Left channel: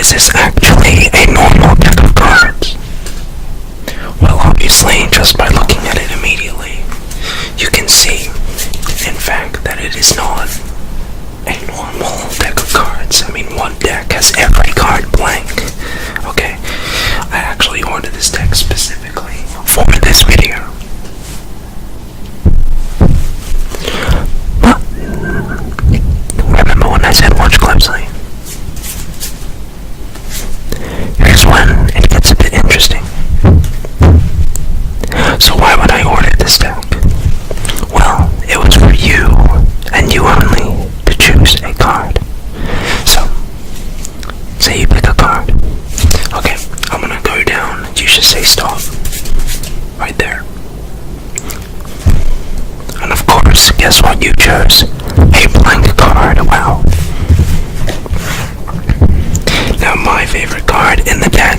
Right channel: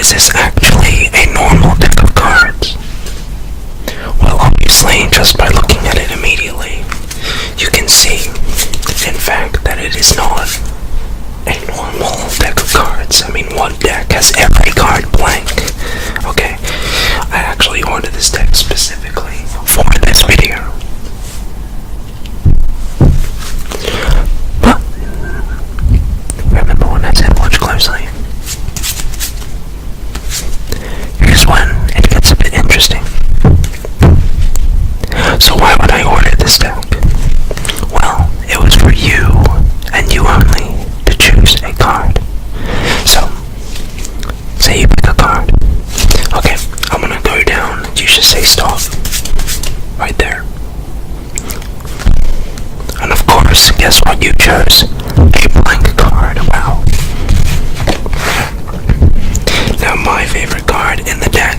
is this actually a normal deck of cards? Well, obviously, just by looking at it immediately, you can see, in fact, that it is not a normal deck of cards. I mean, one deck has every card blank. Okay, I actually ordered this deck specifically for this video. But, remember when I said watch closely? Here's when it gets a bit interesting. So why would I order this deck? Well, it was for you, and you only, to choose a card. So, say you pick a card. Okay, I'm gonna go down, you should say stop. Right there. And of course, guess what you chose? A blank card, wow. Now my favorite card in the deck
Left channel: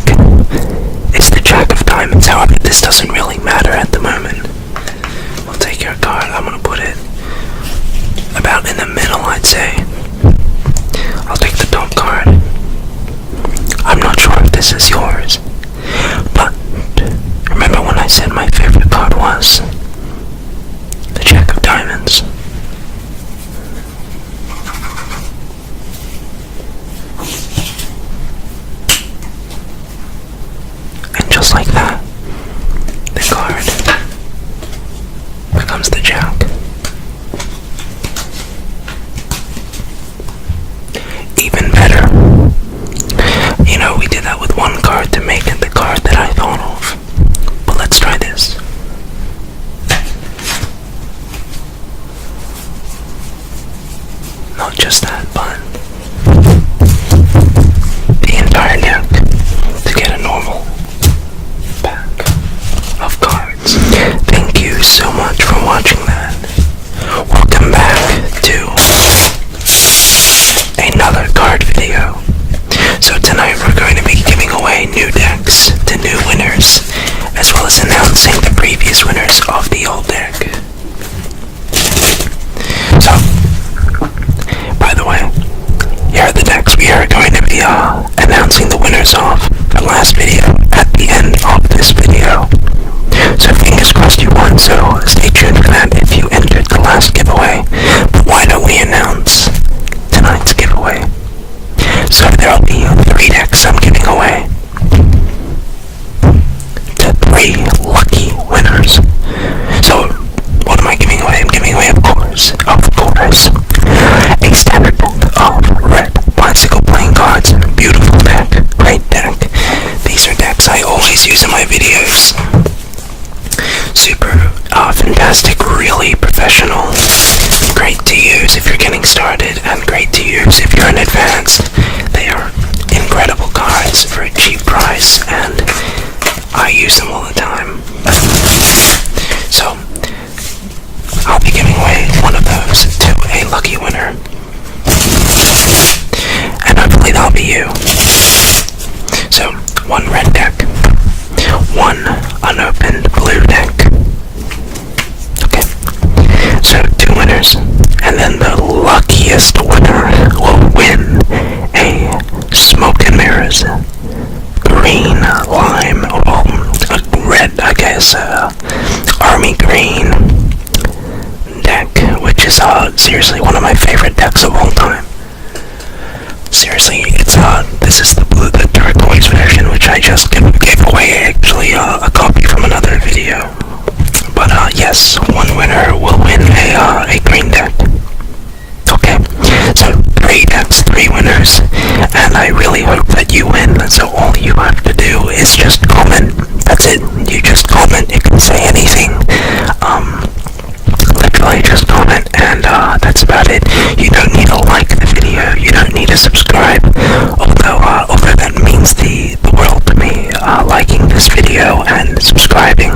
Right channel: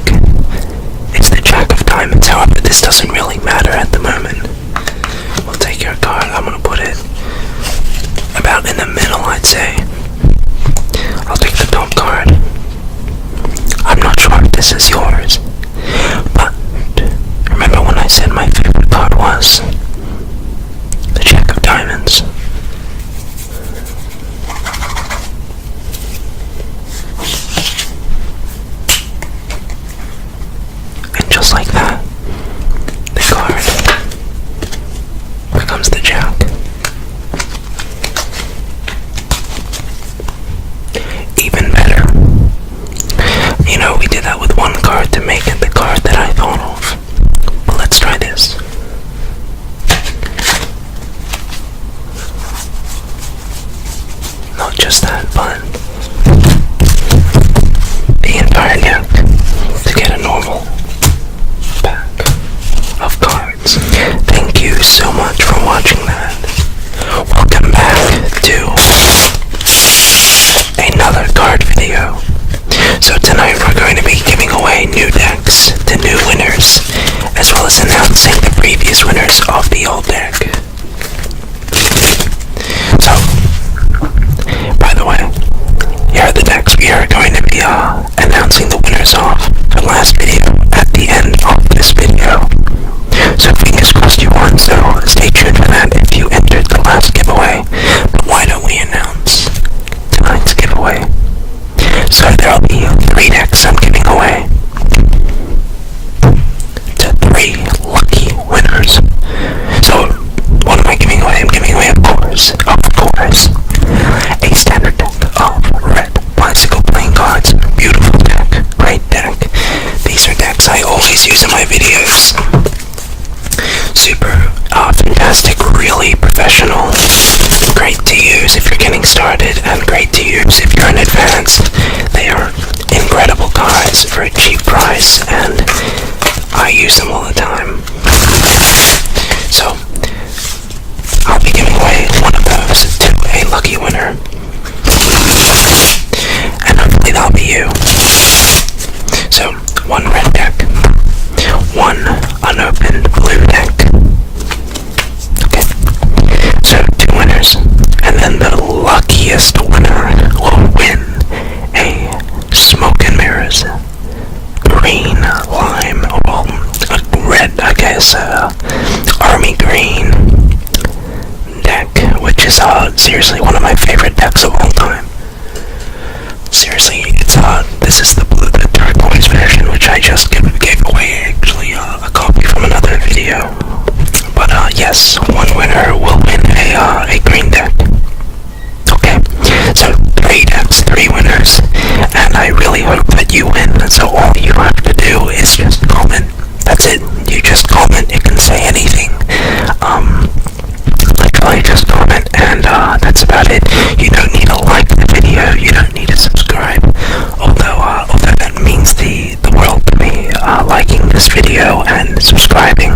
is the Jack of Diamonds. However, this doesn't really matter at the moment. We'll take your card, I'm gonna put it about in the middle, I'd say. I'll take the top card. I'm not sure if this is yours, but remember when I said my favorite card was the Jack of Diamonds? And just like that, the card becomes the Jack. Even better, you know, we did that with one card to make it the card that I thought of. But let's try this. Not just that, but the entire deck to get a normal pack of cards. Thank you so much for watching that. Welcome back to another card video. So tonight we're going to be giving away new decks to new winners, as well as announcing the previous winners of the old deck. So, by the way, here are the decks we are going to be announcing the winners of the last video at the end of this video. So fingers crossed you won, so stay tuned for that if you entered the last giveaway. But why don't we announce tonight's giveaway? So there'll be 3 decks I'm giving away to 3 lucky winners. So what am I giving away? I'm giving away, of course, a standard deck of red bicycle playing cards. Beautiful deck, great deck. These are decks I always use in my videos. Super fantastic, really professional, great to use if you're getting started, and great to use if you're in advanced. They are incredible cards for a cheap price, and I use them all the time. So, I'll be giving away one of those to a lucky winner, and hopefully that'll be you. So, 1 red deck, 1 unopened blue deck. Okay, so 2 winners, and then the luckiest winner will win a Smoke and Mirrors green lime, well, red, I guess, army green deck, which is seriously one of my favorite decks of all time. Seriously, it's this is the blue, the turquoise version, which I just gave away, actually, a copy from another video. But yes, 1 winner will win a green deck. Okay, so 3 decks, 3 winners, and I really hope that you win. So all you have to do is just comment. That's it. You just comment. It can say anything. Literally just comment, and that's about it. You don't need to like the video. You don't need to subscribe. Although that means the world to me. Liking this video and subscribing.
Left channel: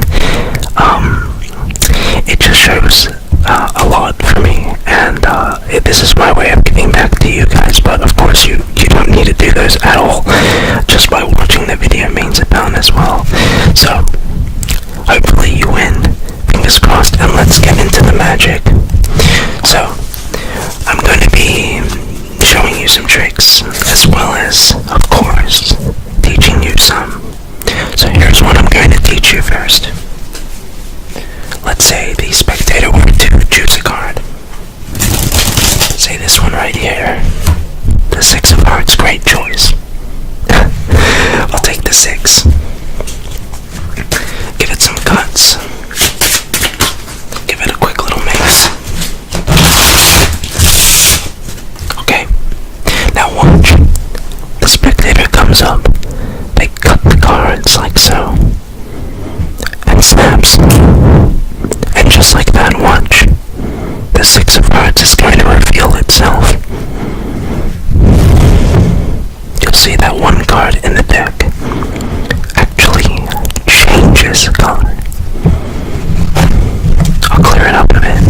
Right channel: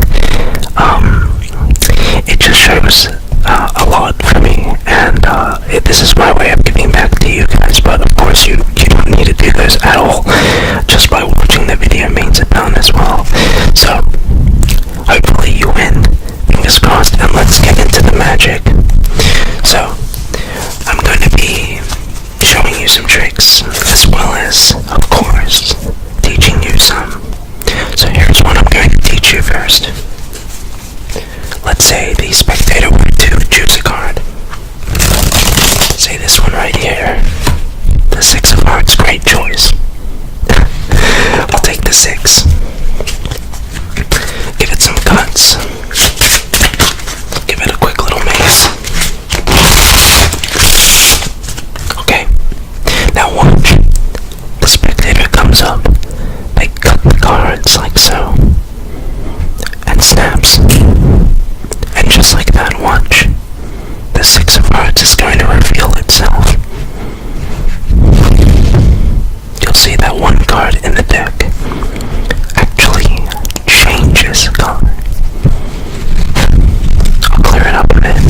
It just shows a lot for me, and this is my way of giving back to you guys. But of course you don't need to do those at all. Just by watching the video means a ton as well. So hopefully you win, fingers crossed, and let's get into the magic. So I'm going to be showing you some tricks, as well as, of course, teach you first. Let's say the spectator were to choose a card. Say this one right here. The 6 of hearts, great choice. I'll take the 6. Give it some cuts. Give it a quick little mace. Okay, now watch. The spectator comes up. They cut the cards like so. And snaps. And just like that, watch. The 6 of hearts is going to reveal itself. You'll see that one card in the deck actually changes color. I'll clear it up a bit.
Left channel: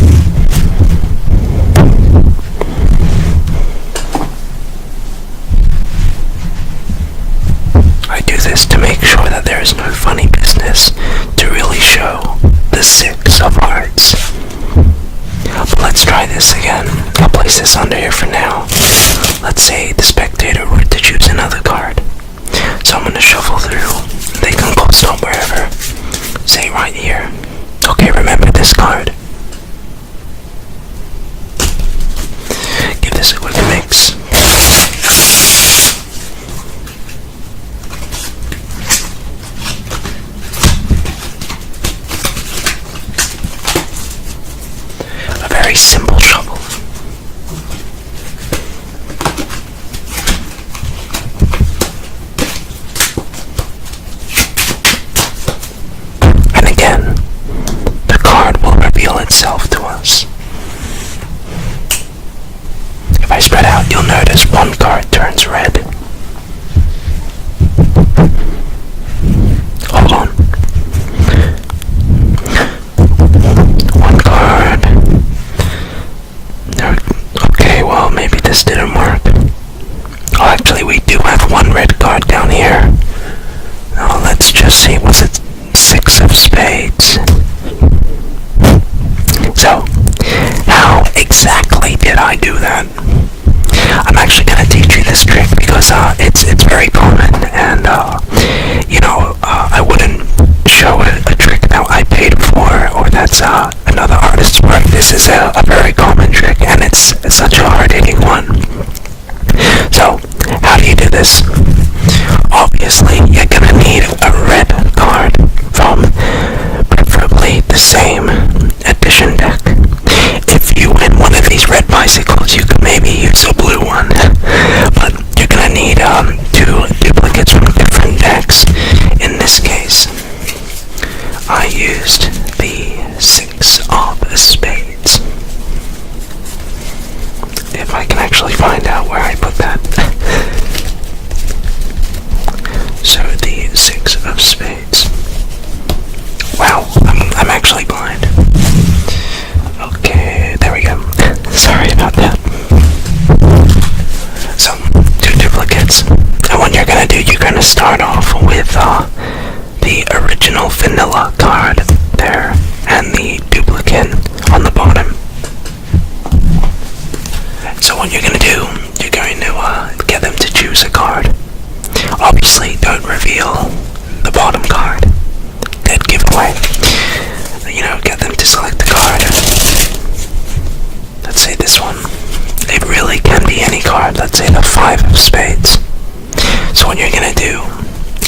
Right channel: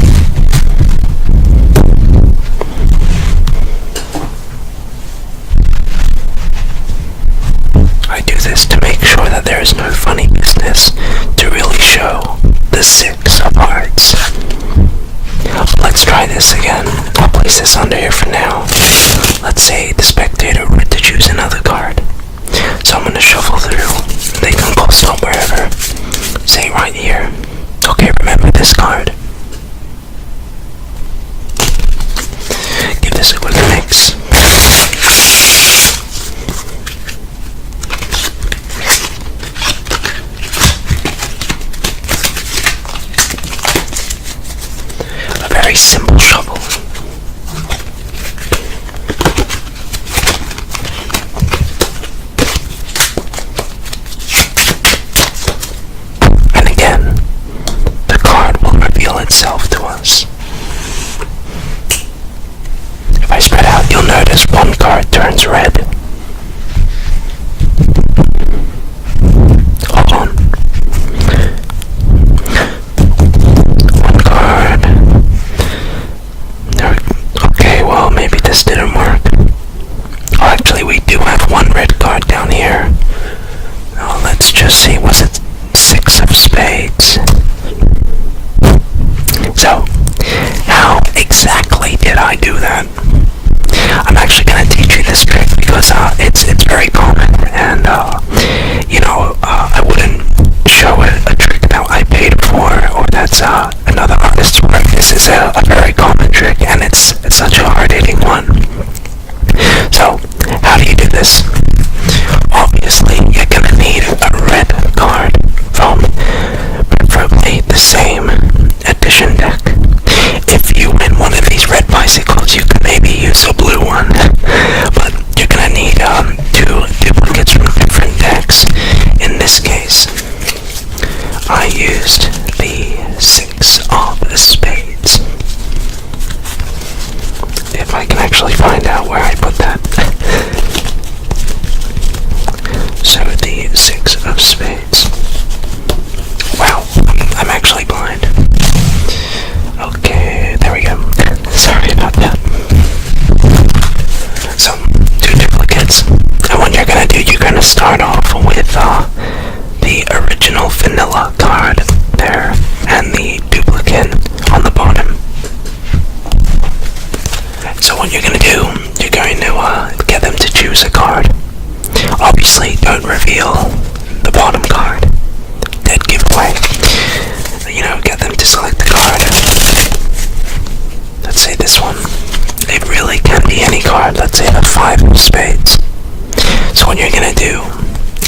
I do this to make sure that there is no funny business, to really show the 6 of hearts. But let's try this again. I'll place this under here for now. Let's say the spectator were to choose another card. So I'm going to shuffle through. They can go stop wherever. Say right here. Okay, remember this card. Give this a quick mix. A very simple shuffle. And again, the card will reveal itself to us. If I spread out, you'll notice one card turns red. Hold on. One card. Okay, well, maybe this didn't work. Oh, actually, we do have one red card down here. Now, let's just see. Was it 6 of spades? So, how exactly did I do that? I'm actually going to teach you this trick because it's very common, and I wouldn't show a trick that I paid for or that's another artist's work. This is a very common trick, and it's such a hard-hitting one. So, how do you do this? Obviously, you're going to need a red card from preferably the same edition deck. If you win one of these red bicycles, you could maybe use a blue one, but you're going to need 2 duplicates from different decks. In this case, I used the 6 of spades. If I can actually find out where I put that. So the 6 of spades. Wow, I'm actually blind. Okay, there we go. Sorry about that. So, 2 duplicates. And what you're gonna do, you're gonna start off with the original vanilla card there and the duplicate on the bottom. So what you're gonna do, you're going to get them to choose a card. Obviously, don't reveal the bottom card. Dead giveaway. Get them to select the card. Let's say this one. It really can be any card. Let's say the 5 of spades. So what you're gonna do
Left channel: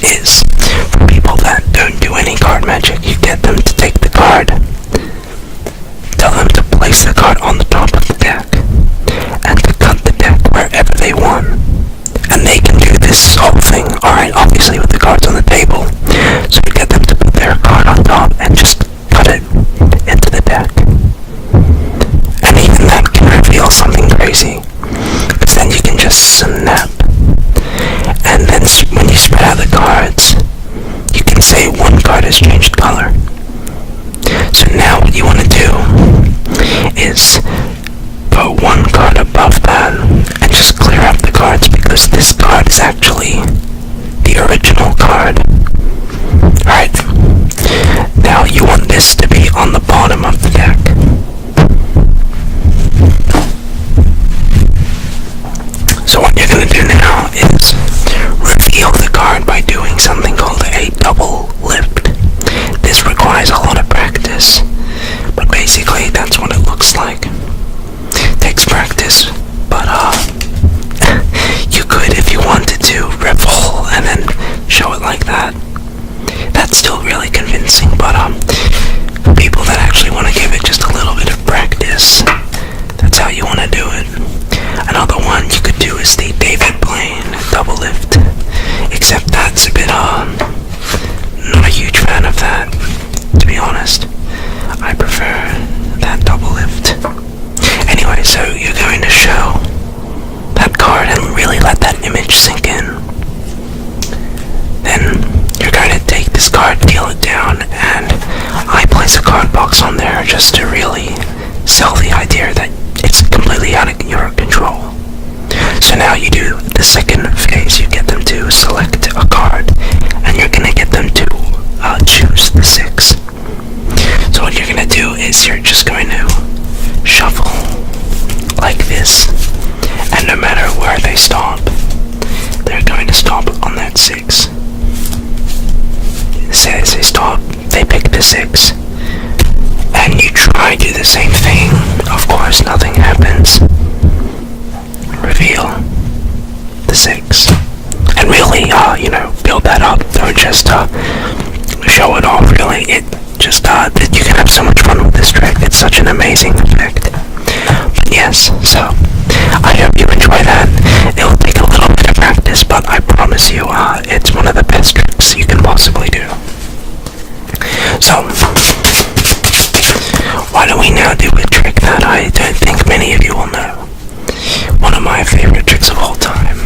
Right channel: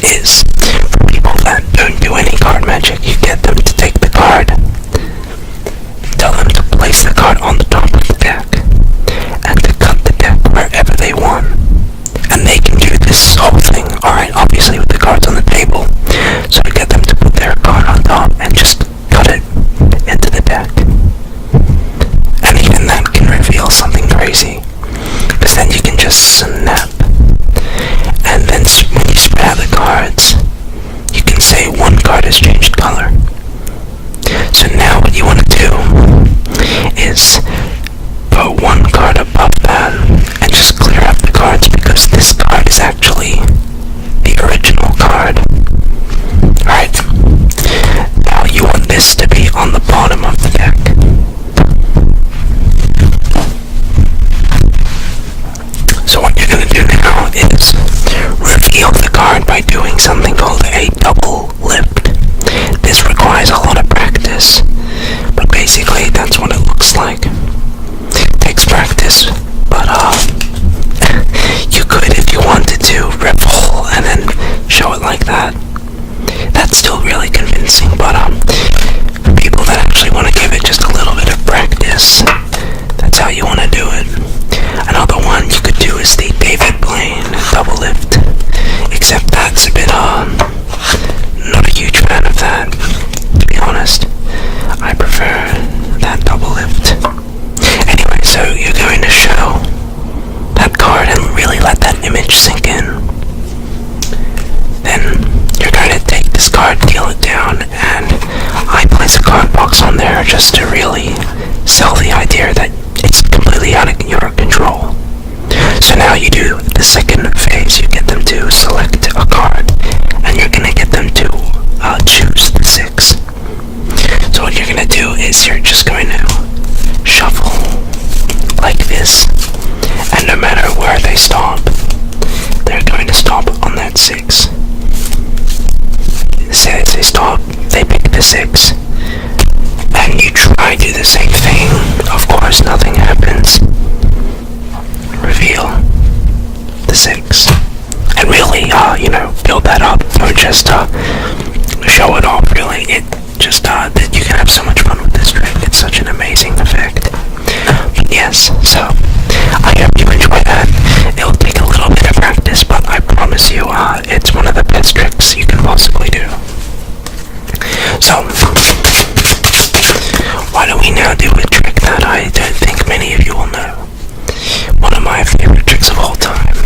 is, for people that don't do any card magic, you get them to take the card, tell them to place the card on the top of the deck, and to cut the deck wherever they want. And they can do this whole thing, alright, obviously with the cards on the table. So get them to put their card on top and just cut it into the deck. And even that can reveal something crazy, because then you can just snap. And then when you spread out the cards, you can say one card has changed color. So now what you want to do is put one card above that and just clear up the cards, because this card is actually the original card. Alright, now you want this to be on the bottom of the deck. So what you're going to do now is reveal the card by doing something called a double lift. requires a lot of practice, but basically that's what it looks like. It takes practice, but you could, if you wanted to, riffle and then show it like that. That's still really convincing, but people that actually want to give it just a little bit of practice, that's how you want to do it. Another one you could do is the David Blaine double lift, except that's a bit not a huge fan of that, to be honest. I prefer that double lift. Anyway, so you're going to show that card and really let that image sink in. Then you're going to take this card, deal it down, and I place a card box on there just to really sell the idea that it's completely out of your control. So now you do the second phase. You get them to select a card, and you're going to get them to choose the 6. So what you're going to do is you're just going to shuffle like this, and no matter where they stop, they're going to stop on that 6. Say they stop, they pick the 6, and you try to do the same thing. Of course, nothing happens. Reveal the 6, and really, build that up. Don't just show it off. Really, it just you can have so much fun with this trick. It's such an amazing effect. But yes, so I hope you enjoy that. It'll take a little bit of practice, but I promise you, it's one of the best tricks you can possibly do. So, why don't we now do a trick that I don't think many of you will know. One of my favorite tricks of all time.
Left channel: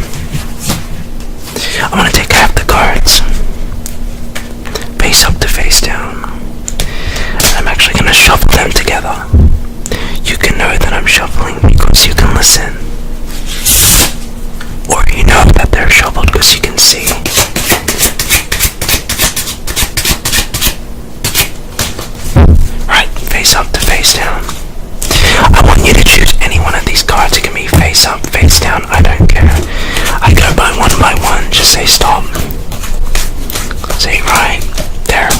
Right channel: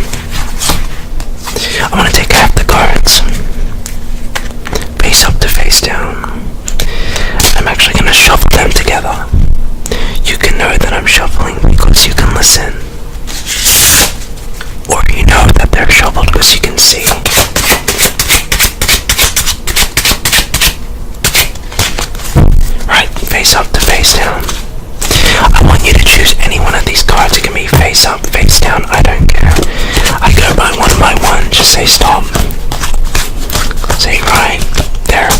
I'm going to take half the cards, face up to face down. I'm actually going to shuffle them together. You can know that I'm shuffling because you can listen. Or you know that they're shuffled because you can see. Right, face up to face down. I want you to choose any one of these cards. It can be face up, face down, I don't care. I go by one, just say stop. Say right there,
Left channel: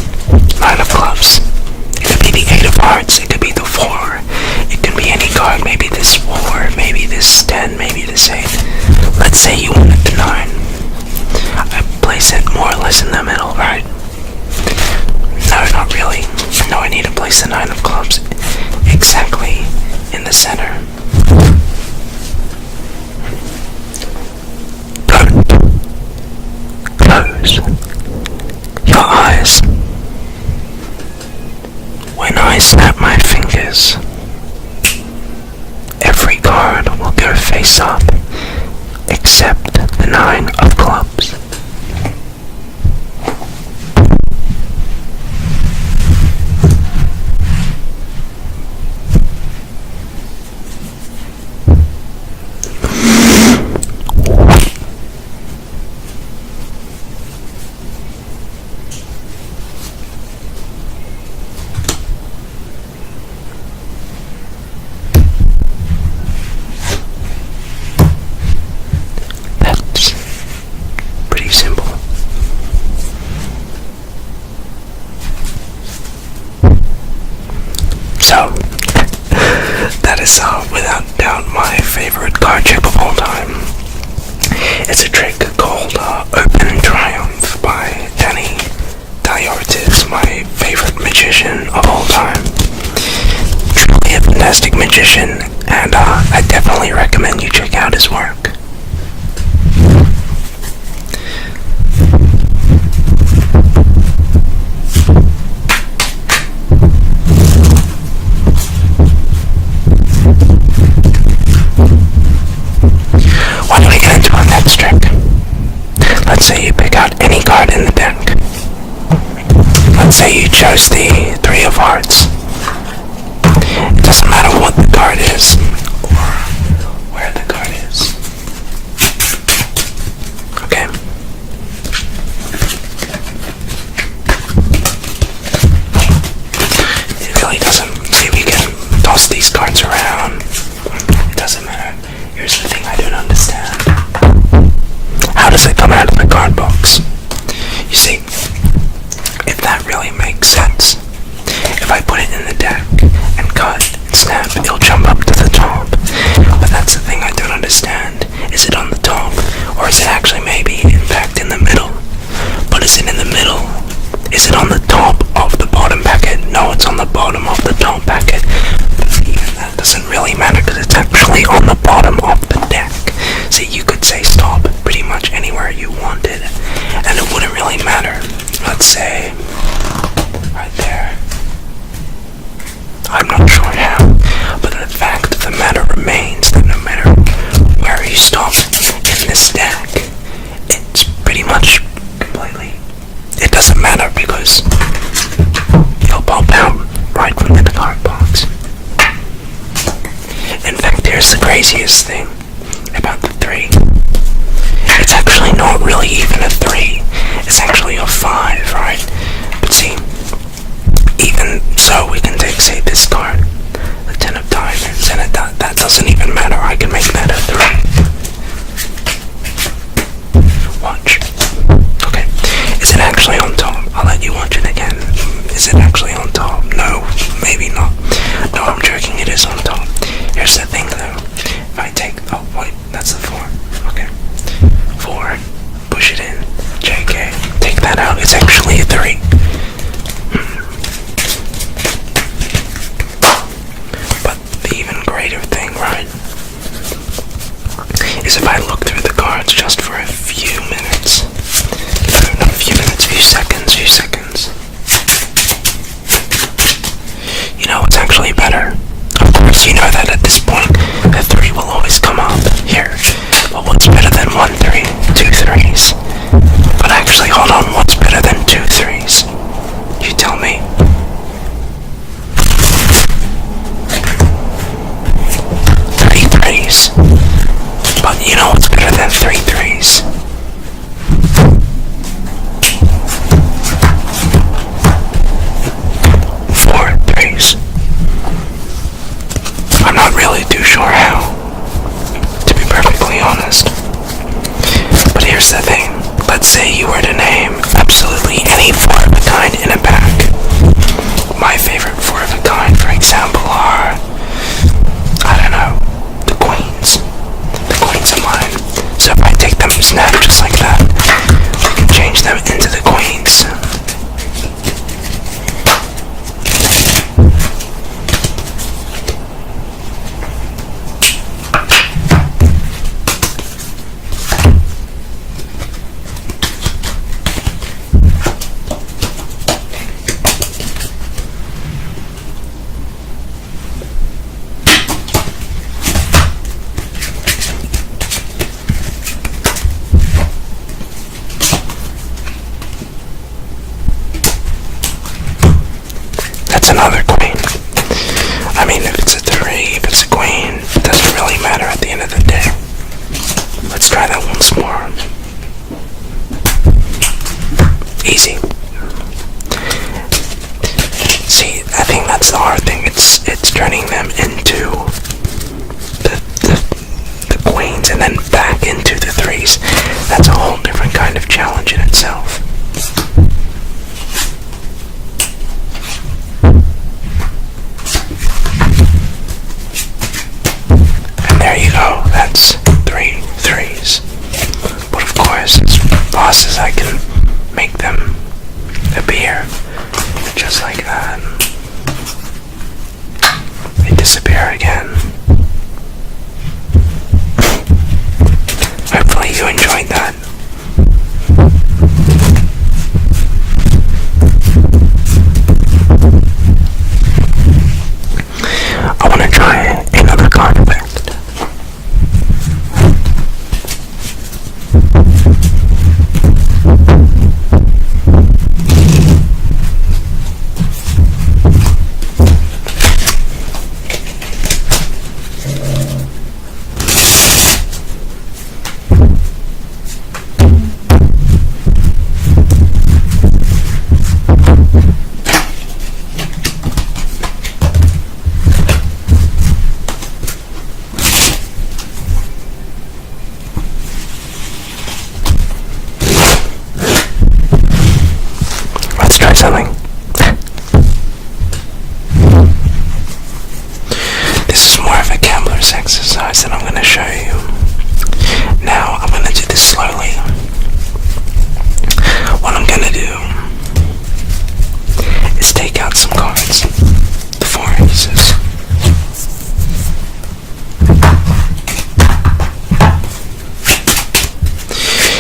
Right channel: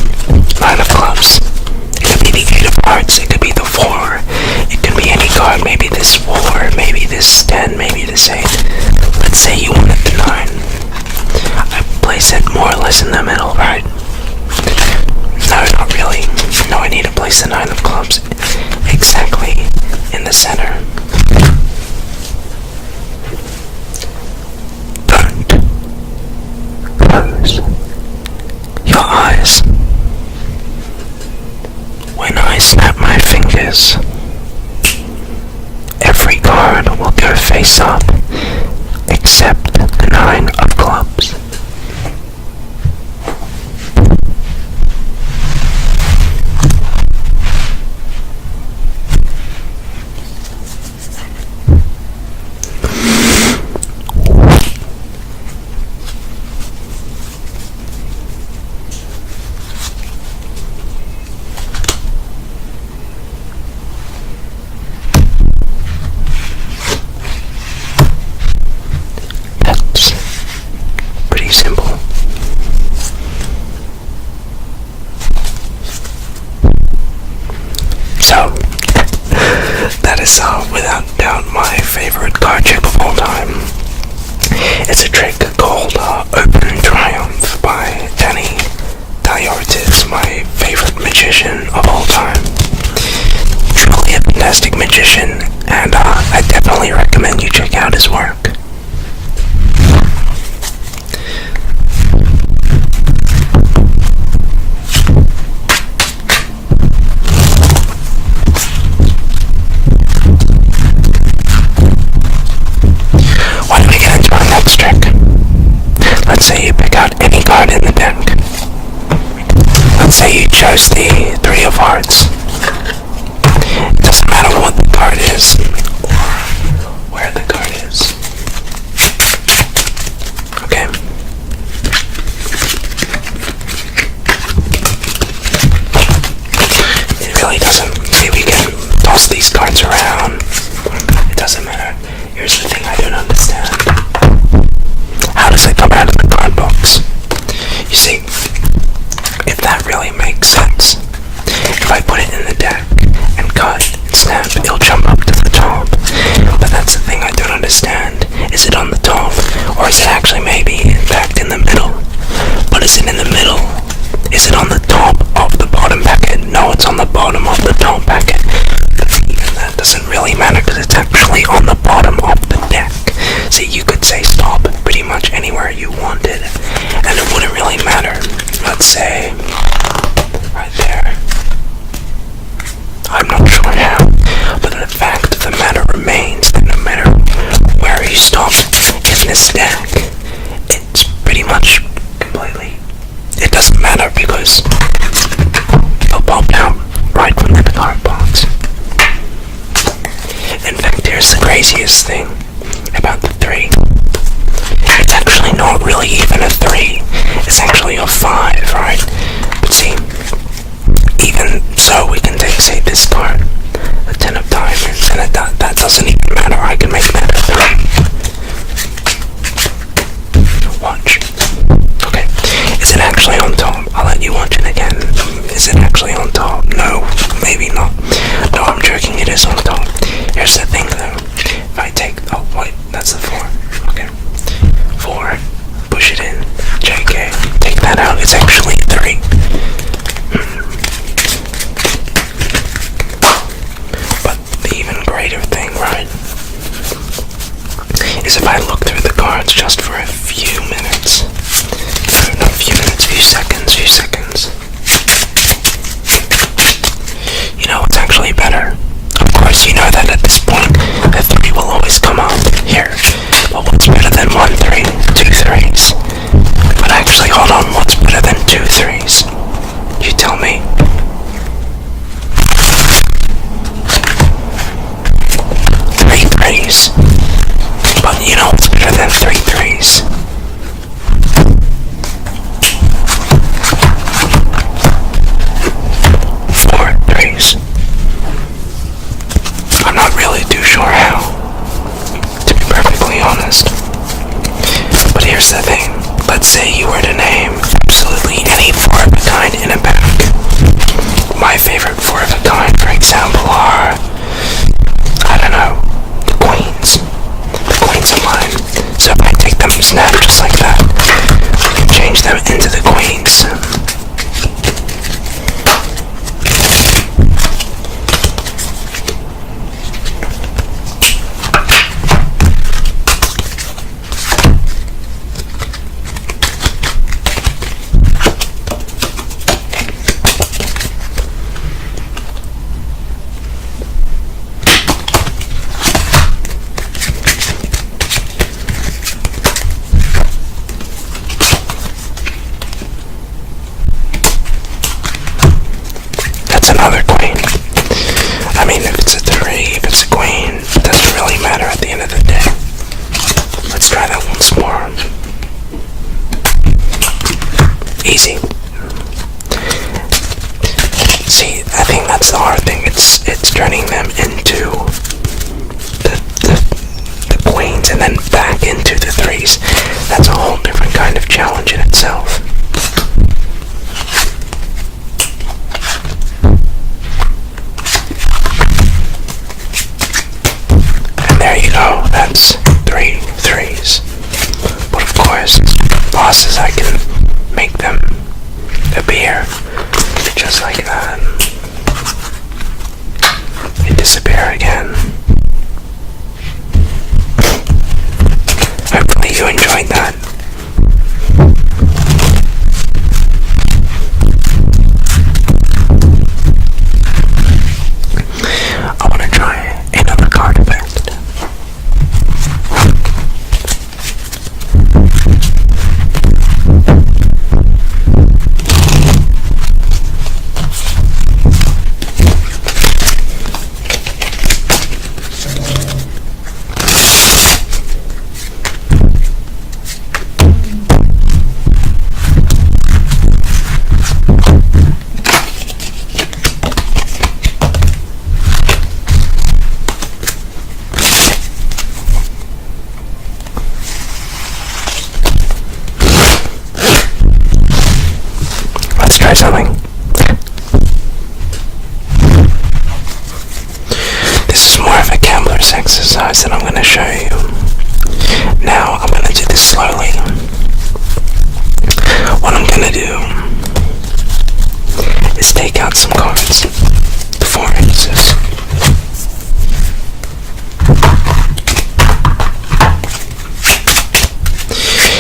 9 of clubs. It could be the 8 of hearts, it could be the 4. It can be any card, maybe this 4, maybe this 10, maybe this 8. Let's say you wanted the 9. I place it more or less in the middle, right? No, not really. No, I need to place the 9 of clubs exactly in the center. Don't close your eyes. When I snap my fingers, every card will go face up except the 9 of clubs. Simple. So, that is without doubt my favorite card trick of all time. It's a trick called Open Triumph by Danny Diortis, my favorite magician of all time. Truly a fantastic magician, and I definitely recommend you check out his work. Let's say you pick out any card in the deck. Let's say you chose the 3 of hearts. It doesn't matter what the card is or where the card is. Okay. It really doesn't. See, we can toss these cards around. It doesn't matter. Here's the thing I don't understand. How does it come out of the card box? You see, if that really makes sense, say, right there. I'm not sure how, but the fact of the matter remains that no matter where you stop in this stack, it's pretty much completely, it doesn't matter because it'll pop out right from the card box. In fact, here's the craziest thing about the 3. It's actually not really even a 3, it's actually a 5, right? But see, even so, we can take, say, this card, the 10 of diamonds, and that doesn't even matter. I can make that a 3. Watch. Okay, is it actually on top? I'll let you watch it again. Is it actually on top? No, maybe not. No, I'm joking, it is on top. Here's the thing though, if I take, oh wait, that's the 4, okay. 4, push it in, JK, take that out, it's actually a 3. But the even greater thing, right, is if I look through the cards just for a few minutes, no, not a few minutes, few seconds, you know what's actually better? Of course, you know that at this point, the 3 will always come up here. But what's better than 1 3? 2 3s. But actually, hold on, what's better than 2 3s? You tell me. 3 3s. But you know what's better than 3 3s? 4 3s. I'm not really too sure how, to be perfectly honest. But here's the thing. Let's say you were to name absolutely any 4 of a kind in a pack. My favorite 4 of a kind, for example, are, I don't know, the queens. The queens are mine. So if I take them snap just like that, I can change them into the queens. Another queen. I mean, if it's a 3, if it's a queen, it doesn't really matter at the end of the day. Let's try that once more. Easy. See, I think that's the hard thing. It's turning them into the queens and then back into the 3s. That's a whole different kind of challenge in itself. There you go, that's 3 3s. But of course, as bosses, I can make them appear just like that. They disappear again. Hopefully you enjoyed that. I want to try another card effect. Something. This is more of a gambler's exercise that I'm going to show you. Now I'm going to do this slowly. What I'm going to do is take out some cards, the 4 aces.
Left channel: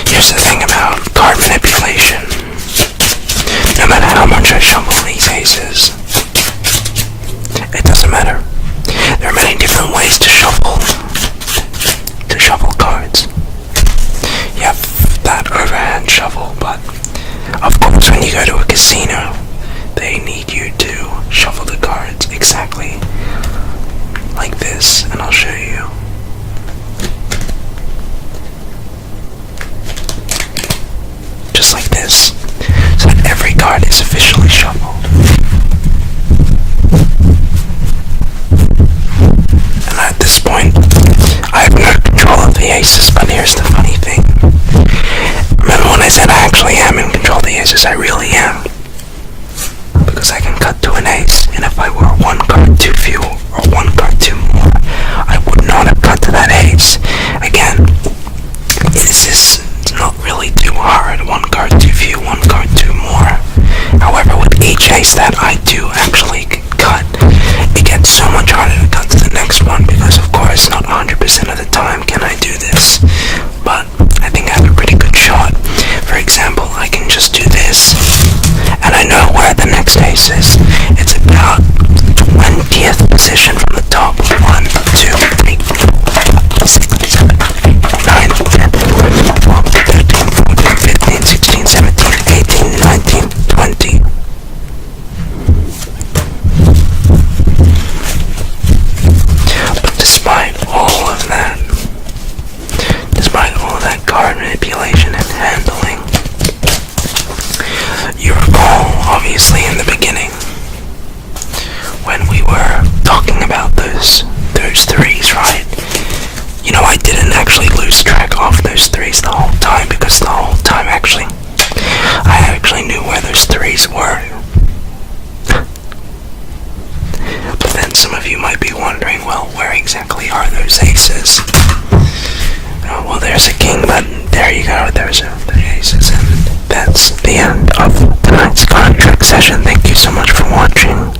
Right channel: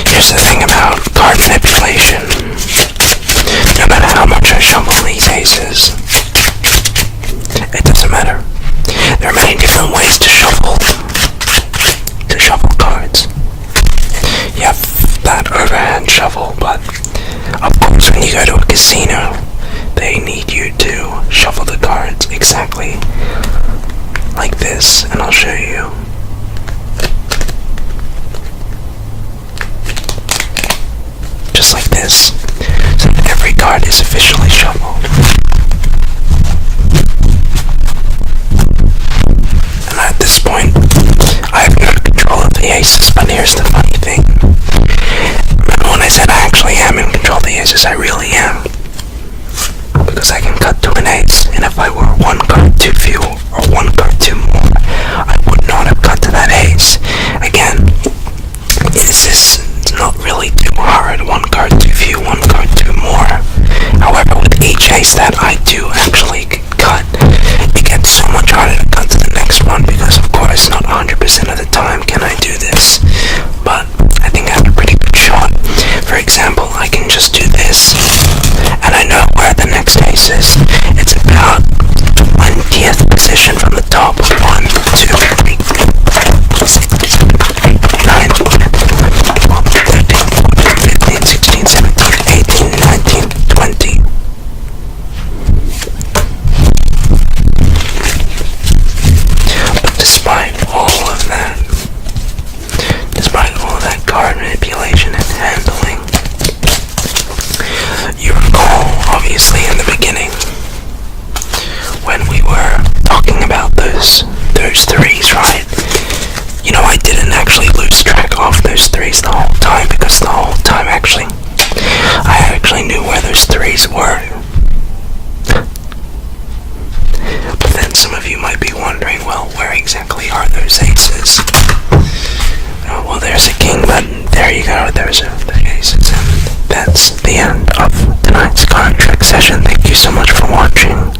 Here's the thing about card manipulation. no matter how much I shuffle these aces, it doesn't matter. There are many different ways to shuffle cards. You have that overhand shuffle, but of course when you go to a casino, they need you to shuffle the cards exactly like this, and I'll show you. Just like this, so that every card is officially shuffled. And at this point, I have no control of the aces, but here's the funny thing. Remember when I said I actually am in control of the aces? I really am. Because I can cut to an ace, and if I were one card too few or one card too more, I would not have cut to that ace. Again, this is not really too hard. One card too few, one card too more. However, with each ace that I do actually cut, it gets so much harder to cut to the next one, because of course not 100% of the time can I do this, but I think I have a pretty good shot. For example, I can just do this, and I know where the next ace is. It's about 20th position from the top. 1, 2, 3, 4, 5, 6, 7, 8, 9, 10, 11, 12, 13, 14, 15, 16, 17, 18, 19, 20. But despite all of that card manipulation and handling, you recall, obviously, in the beginning, when we were talking about those threes, right? You know, I didn't actually lose track of those threes the whole time, because the whole time, I actually knew where those threes were. But then some of you might be wondering, well, where exactly are those aces? Well, there's a king, but there you go, there's the aces, and that's the end of tonight's card trick session. Thank you so much for watching.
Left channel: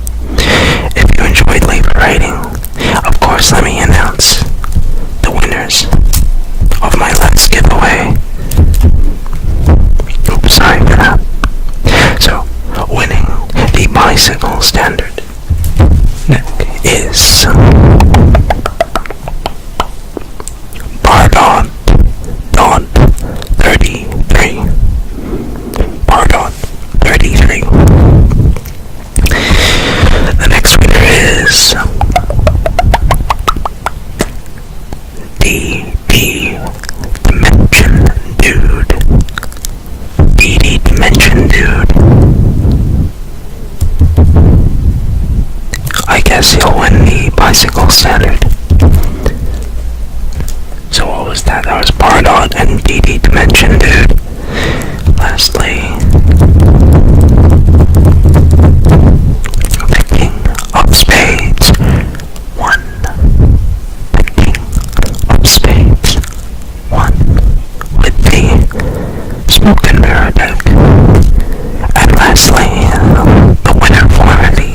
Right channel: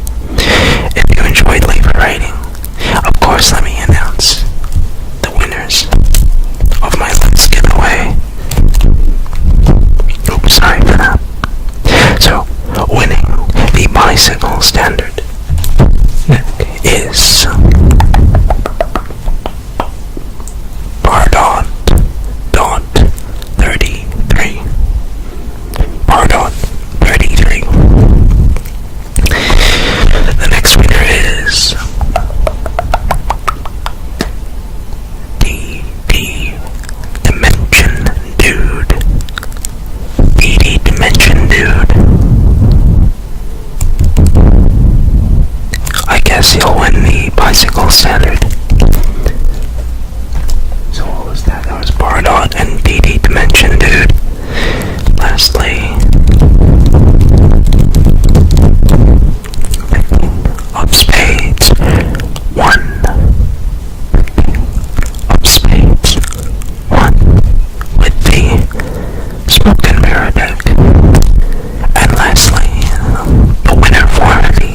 If you enjoyed, leave a rating. Of course, let me announce the winners of my last giveaway. Oops, sorry for that. So, winning the bicycle standard deck is Bardot 33. Bardot 33. The next winner is DD Dimension Dude. DD Dimension Dude. I guess he'll win the bicycle standard. So what was that? That was Bardot and DD Dimension Dude. Lastly, the King of Spades 1. The King of Spades 1 with the Smoke and Mirror deck. And lastly, the winner for the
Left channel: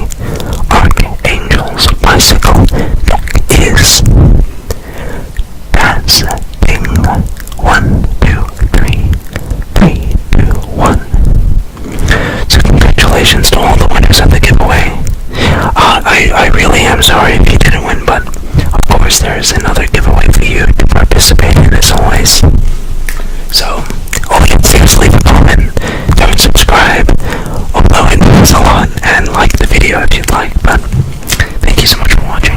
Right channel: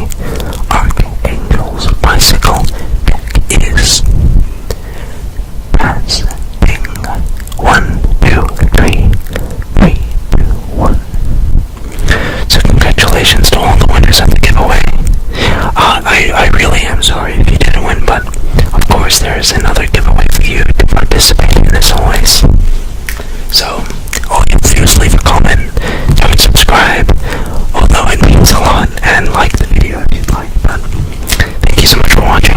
Archangel's bicycle deck is That's Ding 1, 2, 3, 3, 2, 1. So congratulations to all the winners of the giveaway. I really am sorry if you didn't win, but of course there is another giveaway for you to participate in as always. So all you have to do is leave a comment, don't subscribe, although it means a lot, and like the video if you'd like. But thank you so much for watching.